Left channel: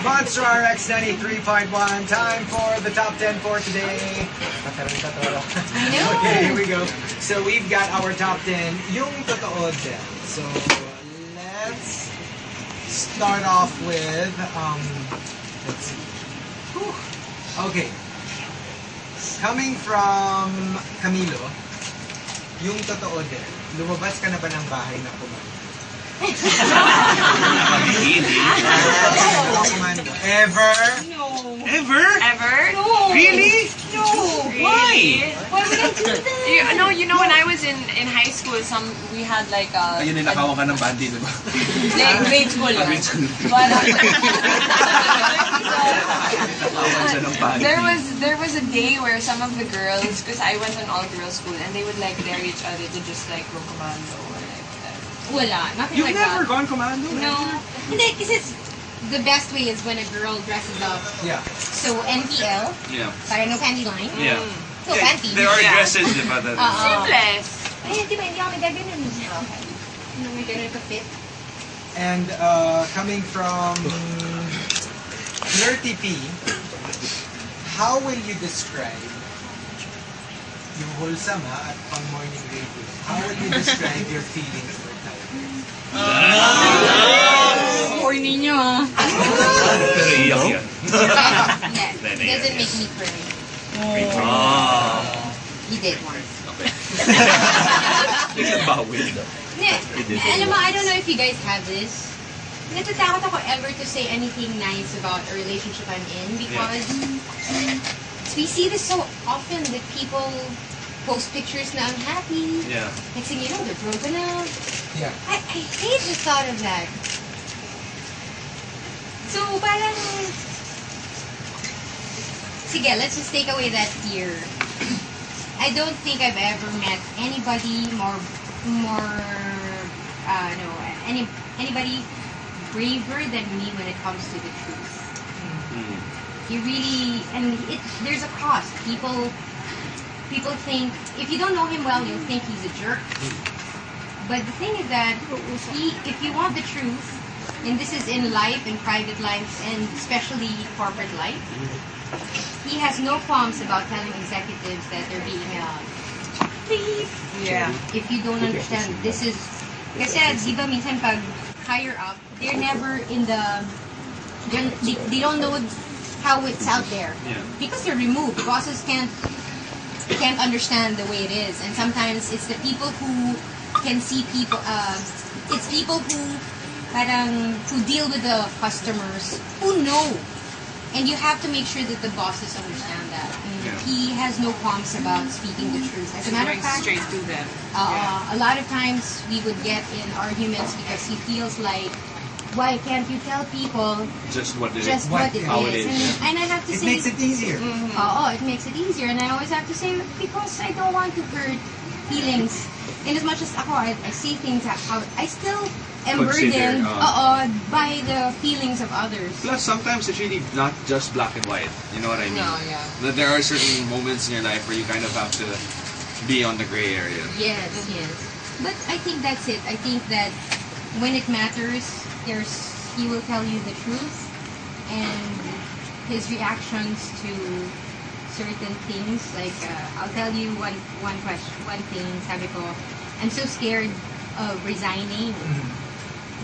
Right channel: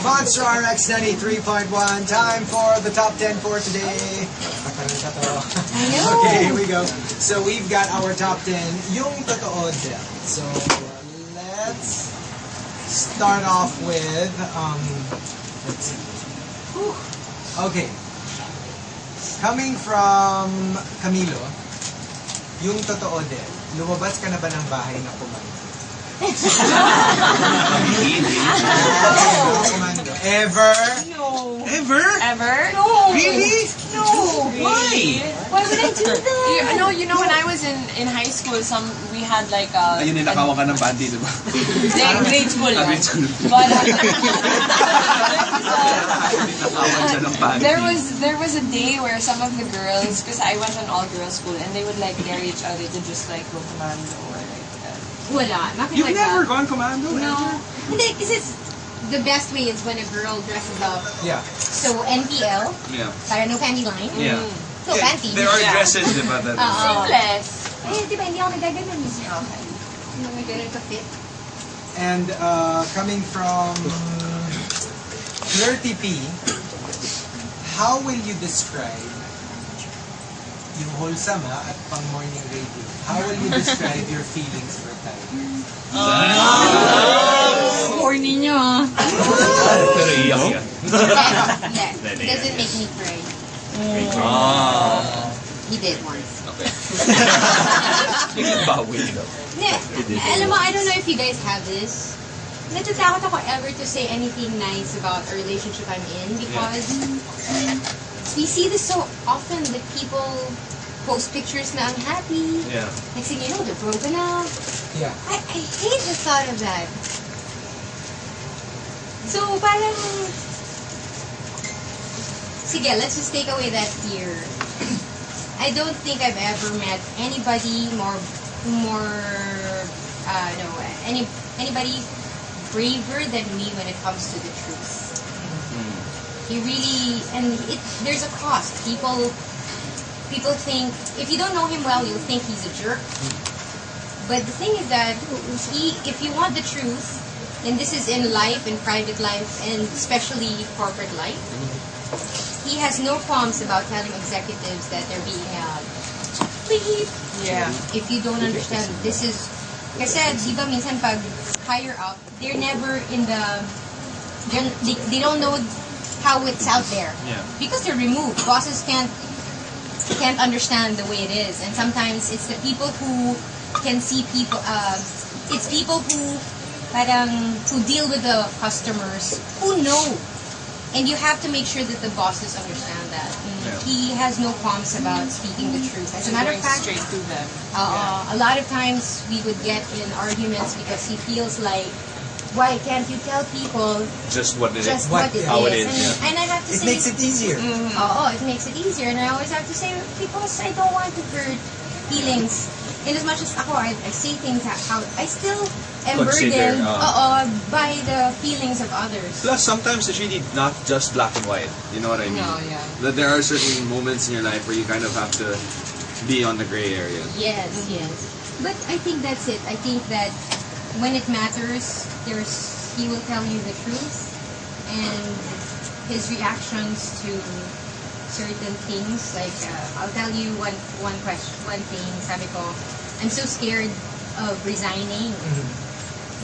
Monster RX 93.1. Time for the top 10 for today. I know. Okay, here we go. So we've got our top 10. Yung totoo din. So let's start off with let's see. Whew. Okay. Coming from Camilo, yung totoo din. Lumabas ka na ba ng bahay na kumanda? Commando. Ever? No. Ever? Ever? No. Really? No. Why? Why would I do that? You know, when I was in high school, we had like Ayun, nakawan ka ng bandi, diba? grade school. Grade school. But Nakawan siya ng bandi. there was a day where some of the girls, because I went to an all-girls school, and they would like dare each other to just like go commando or like that. Wala. Nothing You've like never that. gone commando? No. Ever? Hindi, kasi the best way is when a girl dresses up. Yeah. So, NPL, Yeah. para no panty line. Yeah. So, panty. There are dresses, diba? That Sleeveless. Ay, di ba, hindi ako nagaganon. Okay. Hindi ako nagaganon ka fit. And coming from Flirty P, how will you describe yung wholesome at pang morning radio? How will you describe your feelings for time? Horny nyo, ah. Pero iyak yan. Yeah, it doesn't make me cry. He did once. Bawi. Yeah, alam mo, I don't know if you guys have this. Natatakot ako ever to say anything nice about a relationship I'm in because we see this so often that people post pictures na unhappy. Yeah. Next thing you know, they're broken up. Yeah. I hate the thought of that. So, parang... Sige, let's just take away that fear. I don't think I've ever met anybody anybody braver than me when it comes to the truth. He really, and there's a cost. People think, if you don't know him well, you'll think he's a jerk. But the thing is that if you want the truth, and this is in life, in private life, and especially corporate life, he has no qualms about telling executives that they're being beep. Yeah. If you don't understand, this is, kasi di ba minsan pag higher up, they're never in the, they don't know how it's out there. Yeah. Because they're removed. Bosses can't understand the way it is. And sometimes it's the people who can see people, it's people who deal with the customers who know. And you have to make sure that the bosses understand that. And Yeah. he has no qualms about speaking the truth. As a matter of fact, straight to them. a lot of times we would get in arguments because he feels like, why can't you tell people Just what it is. just what it how is? it is, And I have to It say, makes it easier. it makes it easier. And I always have to say, because I don't want to hurt feelings. In as much as ako, I say things how I still am Consider, burdened by the feelings of others. Plus, sometimes it's really not just black and white. You know what I mean? No, yeah. That there are certain moments in your life where you kind of have to be on the gray area. Yes, yes. But I think that's it. I think that when it matters, he will tell you the truth, and his reactions to certain things, like I'll tell you one thing. Sabi ko, I'm so scared of resigning.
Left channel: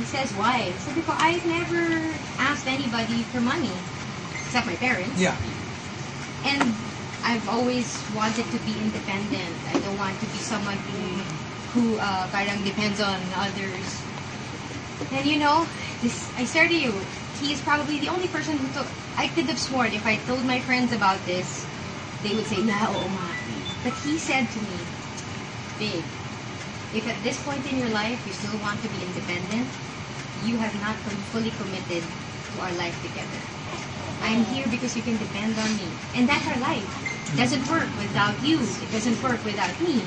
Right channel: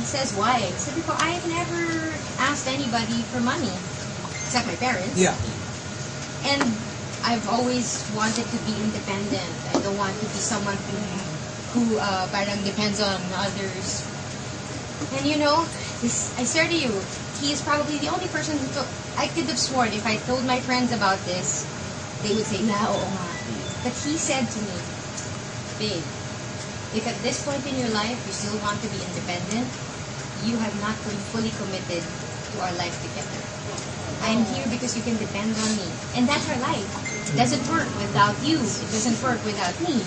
He says, why? Sabi ko, I've never asked anybody for money except my parents. Yeah. And I've always wanted to be independent. I don't want to be someone who parang depends on others. And you know, I swear to you, he is probably the only person who took. I could have sworn if I told my friends about this, they would say, "Na, oo nga." But he said to me, "Babe, if at this point in your life you still want to be independent, you have not fully committed to our life together. I'm here because you can depend on me. And that's our life. It doesn't work without you. It doesn't work without me.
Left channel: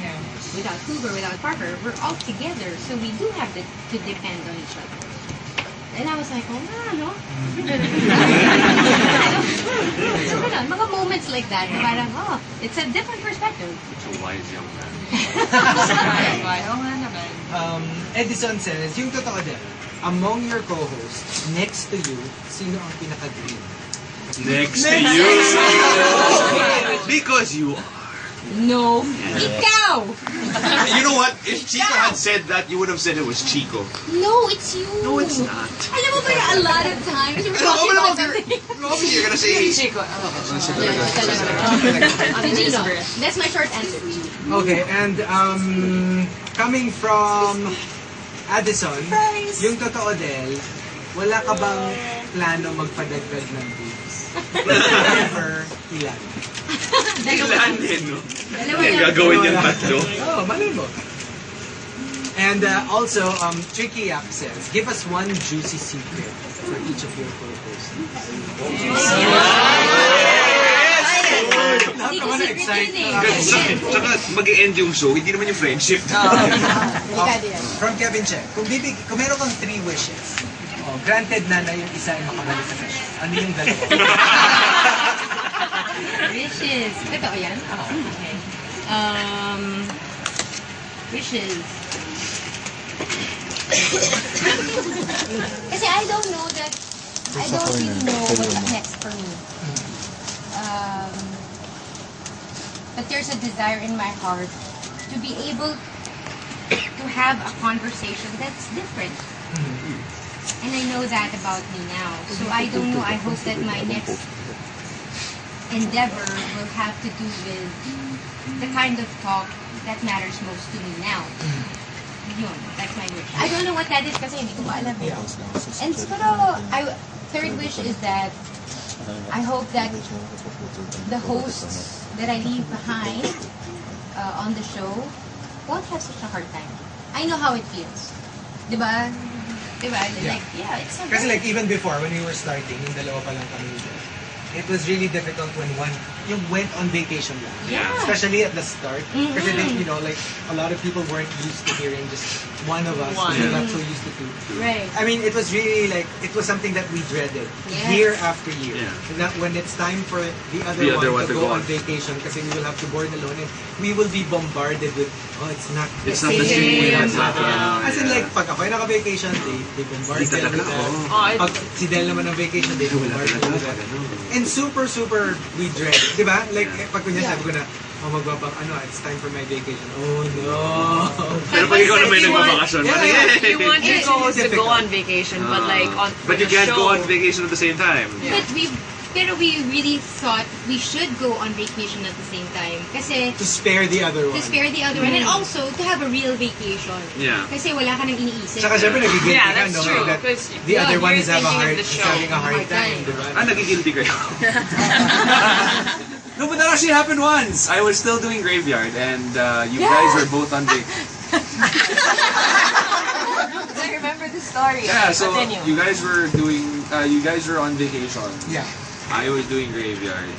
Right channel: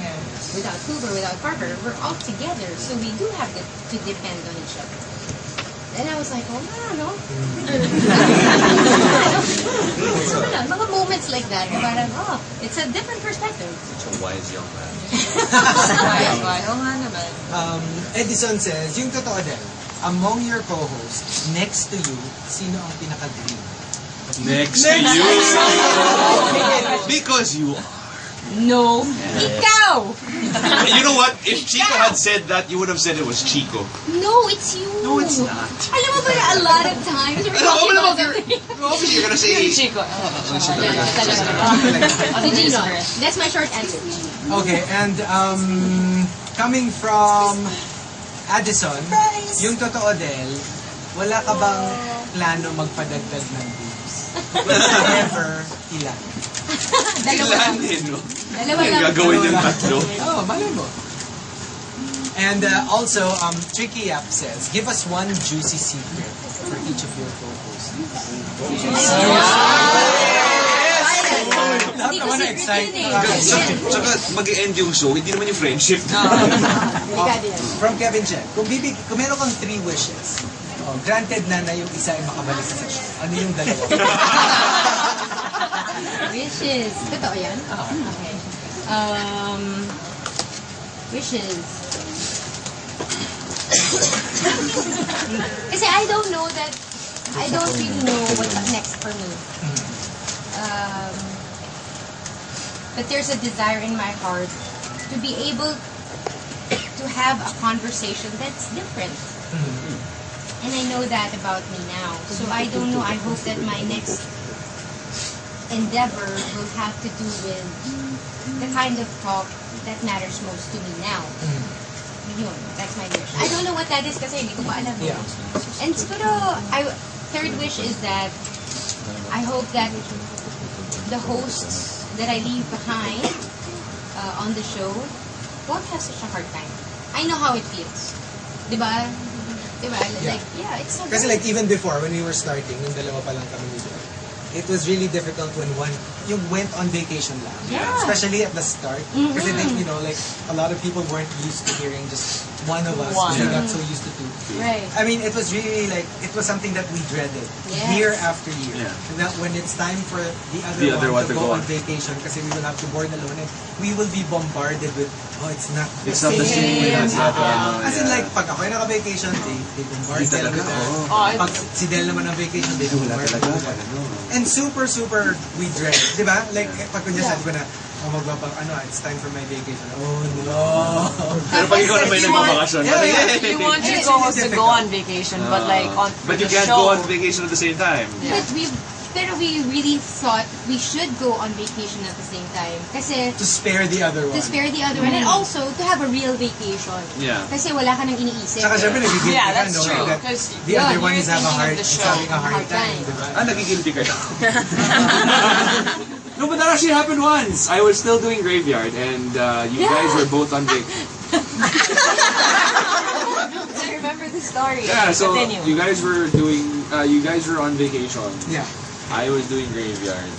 Without Cougar, without Parker. We're all together. So we do have to depend on each other." And I was like, oh, no. So, mga moments like that, parang, it's a different perspective. Such a wise young man. Oo nga naman. Edison says, yung totoo din, among your co-hosts, next to you, sino ang pinaka-green? Next to you. Because you are. No. Ikaw! You know what? If Chico had said that, you would have said it was Chico. No, it's you. No, it's not. Alam mo ba, a lot of times we're Ano, talking naman, about something. you're gonna say... Chico. Gino. That's my short answer. Okay, and coming from Addison, yung totoo din, wala ka bang plano magpadagdag ng boobs? Never, ilan? Dalawa. Ilanin, no? Dalawa Ay, lang. gagawin niyang tatlo. Oh, malay mo. And also, Tricky App says, give us one juicy secret for each of your co-hosts. Lahat Hindi ko naman secret na-excite. yun eh. Tsaka mag-e-end yung show, hindi naman yung friendship. Delikado yan. From Kevin Che, kung meron kang 3 wishes, granted na yung isa ay makabalik sa session. Ano yung dalawa? Wishes. Totoo yan? Okay. Wishes. Kasi I don't really know what's up next for me. But there's a desire in my heart to be able to have a conversation that's different. And I know that about me now. So I don't know, I hope that my next endeavor will have to do with the kind of talk that matters most to me now. Yun, that's my wish. I don't know what that is kasi hindi ko pa alam. Yeah. And siguro, third wish is that I hope that the hosts that I leave behind on the show won't have such a hard time. I know how it feels. Diba? Diba? Like, yeah, it's a Kasi like even before, when we were starting, yung dalawa pa lang kami dito, it was really difficult when yung went on vacation lang. Yeah. Especially at the start. Kasi like, you know, like a lot of people weren't used to hearing just one of us. Because they're not so used to two. Right. I mean, it was really like, it was something that we dreaded Yes. year after year. Yeah. And that when it's time for the other one to go on vacation, kasi we will have to board alone and we will be bombarded with, oh, it's not the same. same. Yeah. As in like, pag ako ay naka-vacation, they bombard Hindi sila with talaga, that. oo. Pag si Del naman ang vacation, they bombard sila with that. And super, we dread. Di ba? Like, pag kunya sabi ko na, magbabang, it's time for my vacation. Oh, no. Pero pag ikaw naman nagbabakasyon, You want your co-host to go on vacation, but like on for but you the can't show. go on vacation at the same time. Pero we really thought we should go on vacation at the same time. Kasi To spare the other one. to spare the other one and also to have a real vacation. Yeah. Kasi wala ka nang iniisip. Saka syempre, nagigilty Yeah, ka, that's no? true, That 'cause the other one you're is having thinking of the show. a hard time, di ba? Nagigilty kayo. No, but that actually happened once. I was still doing graveyard, and you guys were both on vacation. I remember the story. Yeah, so Continue. you guys were on vacation. Yeah. I was doing graveyard.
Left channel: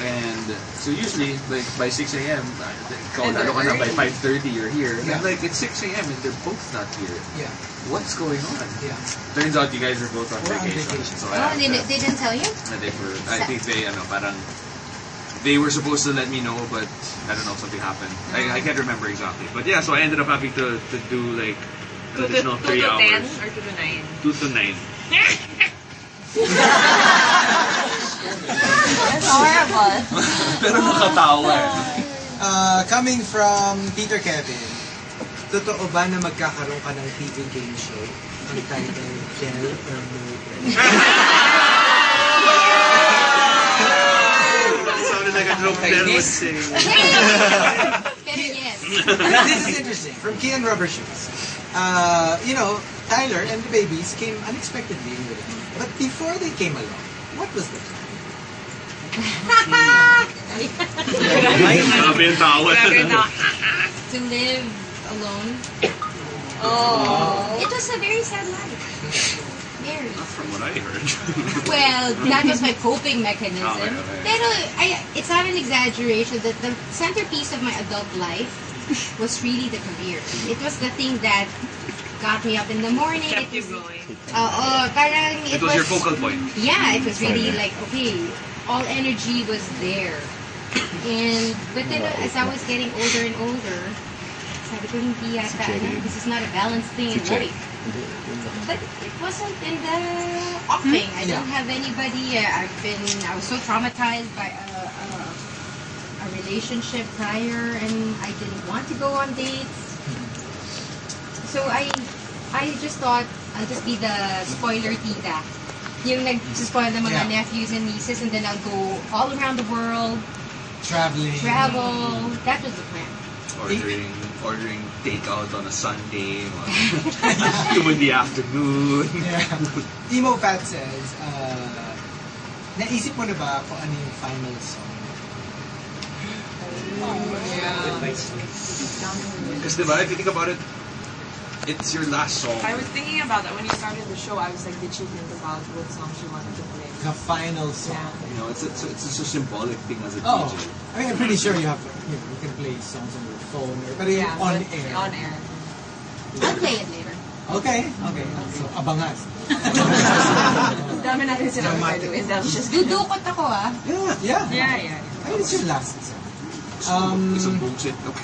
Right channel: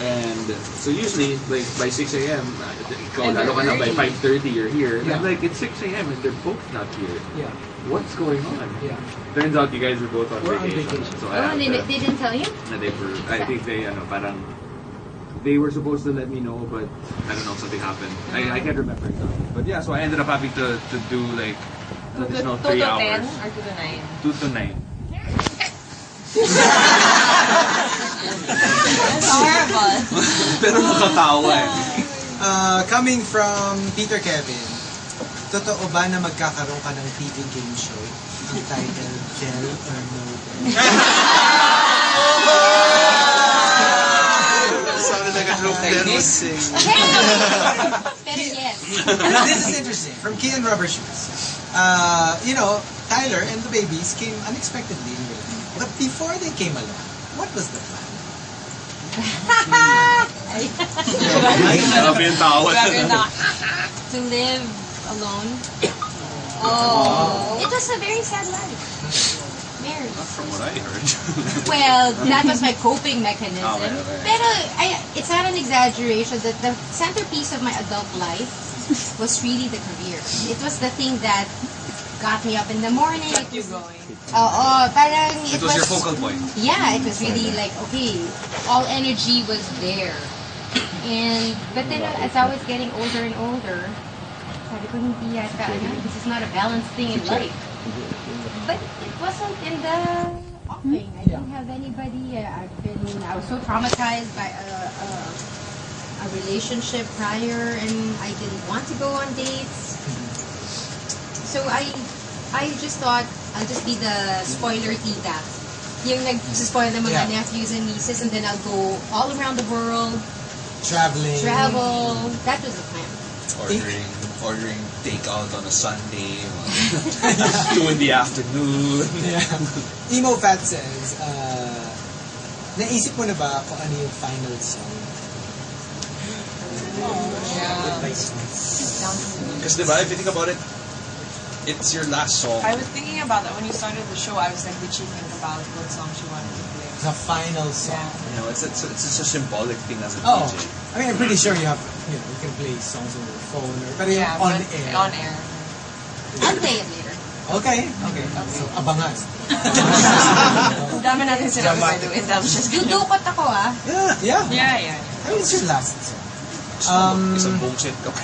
And so usually, like, by 6 a.m., ikaw lalo ka na by 5:30, you're here. Yeah. And like, it's 6 a.m. and they're both not here. Yeah. What's going on? Yeah. Turns out you guys were both on We're on vacation. vacation. So Oh, I had they to, didn't tell you? na they were, I think parang, they were supposed to let me know, but I don't know, something happened. I can't remember exactly. But yeah, so I ended up having to do like an 2 additional to 3 10 hours. or 2 to 9? 2 to 9. That's horrible. Pero nakatawa eh. Coming from Peter Kevin, totoo ba na magkakaroon ka ng TV game show? Ang title, Del or No Del? Sounded like a joke there was saying. Pero yes. Now, this is interesting. From Key and Rubber Shoes. You know, Tyler and the babies came unexpectedly in there. But before they came along, what was the plan? Grabe yung tawa. To live alone. Oh. It was a very sad life. Very. I heard. Well, that was my coping mechanism. Okay. Pero it's not an exaggeration that the centerpiece of my adult life was really the career. It was the thing that got me up in the morning. Kept you going. Parang It was your focal point. Yeah, it was really like, okay, all energy was there. But then as I was getting older and older, sabi ko, hindi yata, this is not a balanced thing in life. But it wasn't in the offing. I didn't have anybody. I was so traumatized by a relationship prior, and I didn't want to go on dates. So I just thought I'll just be the spoiler tita. Yung nag-spoil ng mga nephews and nieces, and then I'll go all around the world. Travel. That was the plan. Ordering takeout on a Sunday, 2 in the afternoon. Emo Fat says, naisip mo na ba kung ano yung final song? Because diba, if you think about it, it's your last song. I was thinking about that when you started the show. I was like, did she think about what song she wanted to play? The final song. You know, it's a symbolic thing as a Oh, DJ. I mean, I'm pretty sure you can play songs on your phone or but on air. On air. I'll play it later. Okay. So, abangas. Dami natin sila by the way. That was just Dudukot ako Yeah. Yeah. I mean, it's your last song. It's a bullshit ka.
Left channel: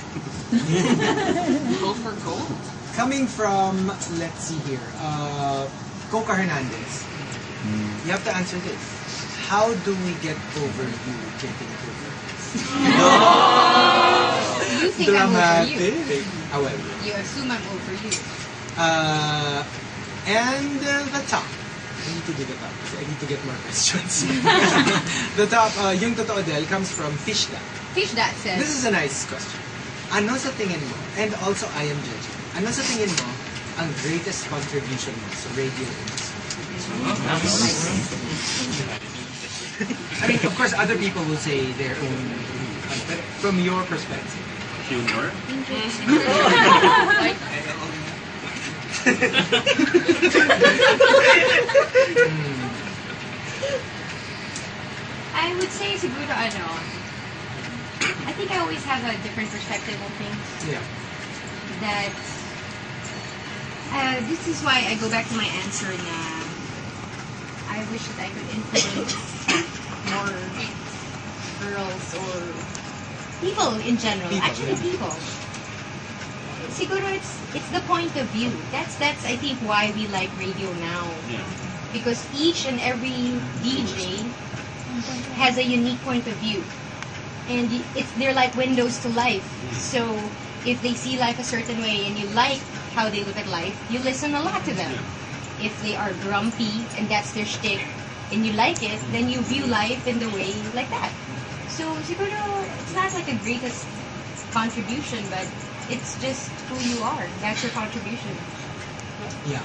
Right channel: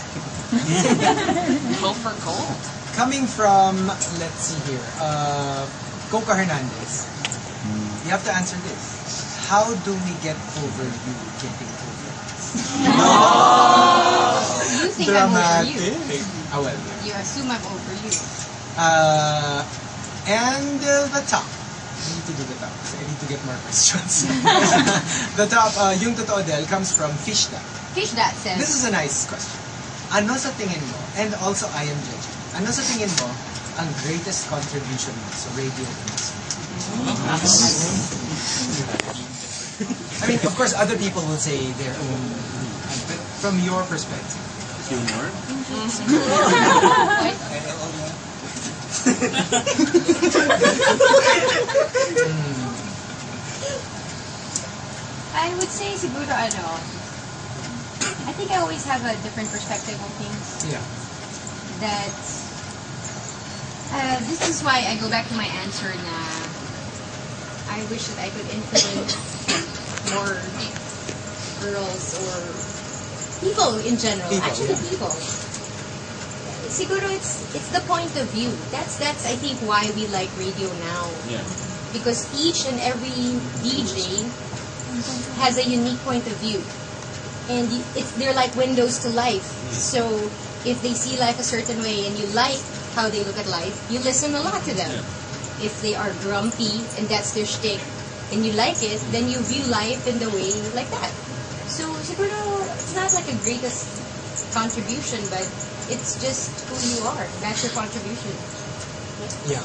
Go for gold. Coming from, let's see here, Coca Hernandez. You have to answer this. How do we get over you jumping over? You think I'm over you. Oh, well. You assume I'm over you. And the top. I need to do the top because I need to get more questions. The top, yung totoo del, comes from Fishda. Fish that says. This is a nice question. Ano sa tingin mo, and also I am judging, ano sa tingin mo ang greatest contribution mo sa radio industry? I mean, of course, other people will say their own, but from your perspective. Humor? I would say siguro I think I always have a different perspective on things. Yeah. That this is why I go back to my answer na I wish that I could influence more girls or people in general. People. Siguro it's the point of view. That's I think why we like radio now. Yeah. Because each and every DJ has a unique point of view. And they're like windows to life. So if they see life a certain way and you like how they look at life, you listen a lot to them. If they are grumpy and that's their shtick and you like it, then you view life in the way like that. So siguro it's not like a greatest contribution, but it's just who you are. That's your contribution. Yeah.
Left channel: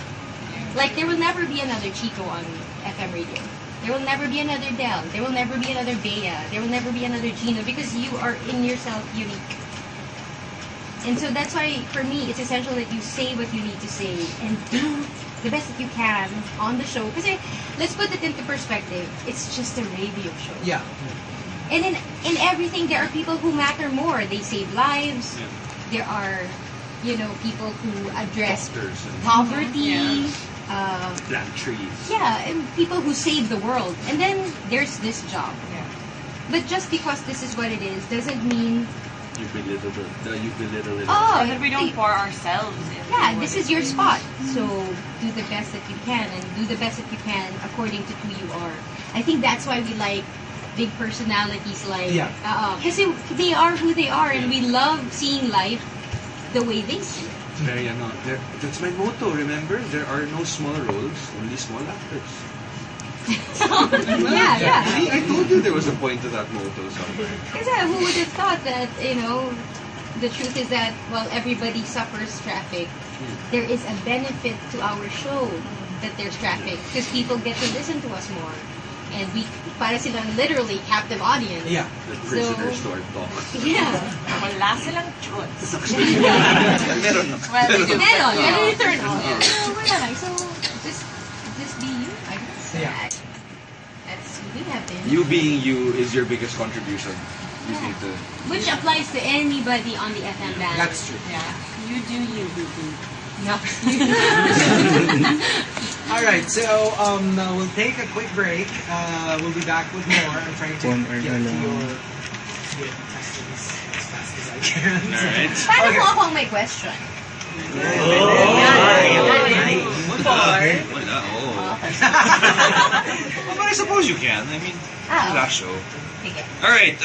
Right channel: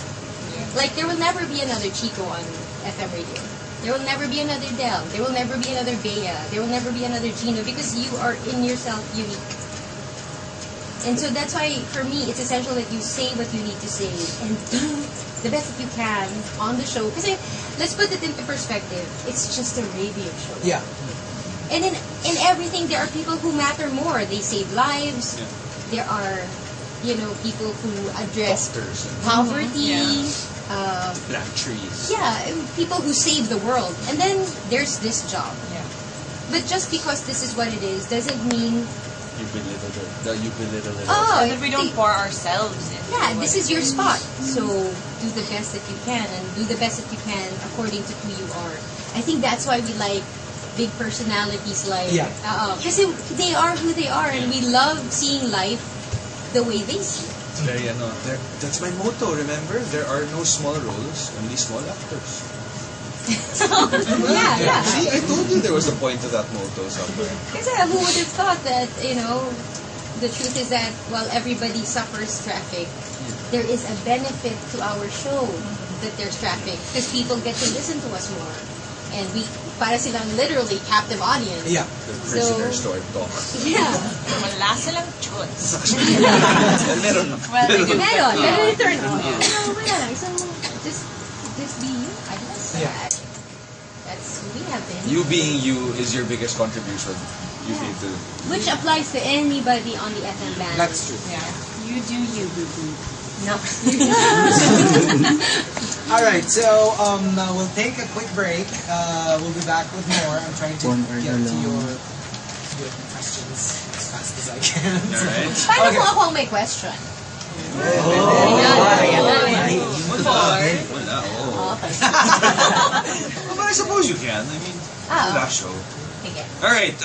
Like there will never be another Chico on FM radio. There will never be another Del. There will never be another Bea. There will never be another Gino because you are in yourself unique. And so that's why, for me, it's essential that you say what you need to say and do the best that you can on the show. Because let's put it into perspective. It's just a radio show. Yeah. And in everything, there are people who matter more. They save lives. Yeah. There are, people who address Doctors and poverty. plant trees. Yeah, and people who save the world. And then there's this job. Yeah. But just because this is what it is doesn't mean, You belittle it. oh, If we don't pour ourselves in. yeah, this is your spot. So do the best that you can and do the best that you can according to who you are. I think that's why we like big personalities like, because they are who they are and we love seeing life the way they see it. It's very that's my motto, remember? There are no small roles, only small actors. Yeah. See, I told you there was a point to that motto somewhere. Because who would have thought that, the truth is that while everybody suffers traffic, there is a benefit to our show that there's traffic because people get to listen to us more. And we, para silang literally captive audience. Yeah. The prisoner store talk. Yeah. Wala silang choice. Meron. Well, they do. Meron. Meron turn on. So, just be you, I guess. Yeah. That's who we have been. You being you is your biggest contribution. You need to. Which applies to anybody on the FM band. That's true. Yeah. You do you, boo-boo. No. All right, so we'll take a quick break. We'll be back with more. I'm trying to get to your questions as fast as I can. All right. Paano kung ako ang may question? Yeah. Wala, oh. Well, I suppose you can. I mean, last show. Sige. Alright,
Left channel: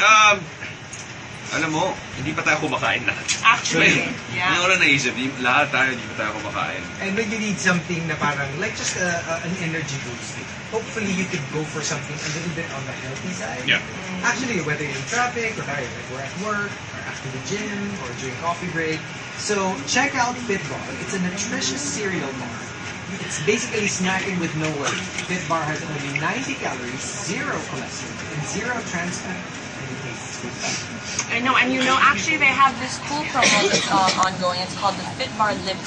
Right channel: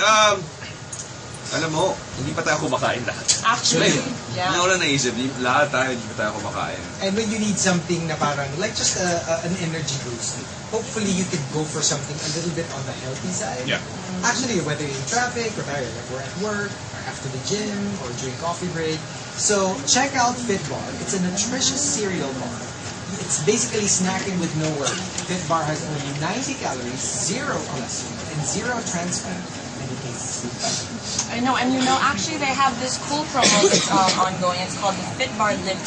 alam mo, hindi pa tayo kumakain lahat. Actually, Hindi yeah. ko lang naisip, lahat tayo hindi pa tayo kumakain. And when you need something na parang, like just an energy boost, hopefully you could go for something a little bit on the healthy side. Yeah. Actually, whether you're in traffic, or like we're at work, or after the gym, or during coffee break. So check out Fit Bar. It's a nutritious cereal bar. It's basically snacking with no worry. Fit Bar has only 90 calories, 0 cholesterol, and 0 trans fat. And it tastes sweet. I know, and actually they have this cool promo that's ongoing. It's called the Fit Bar Lips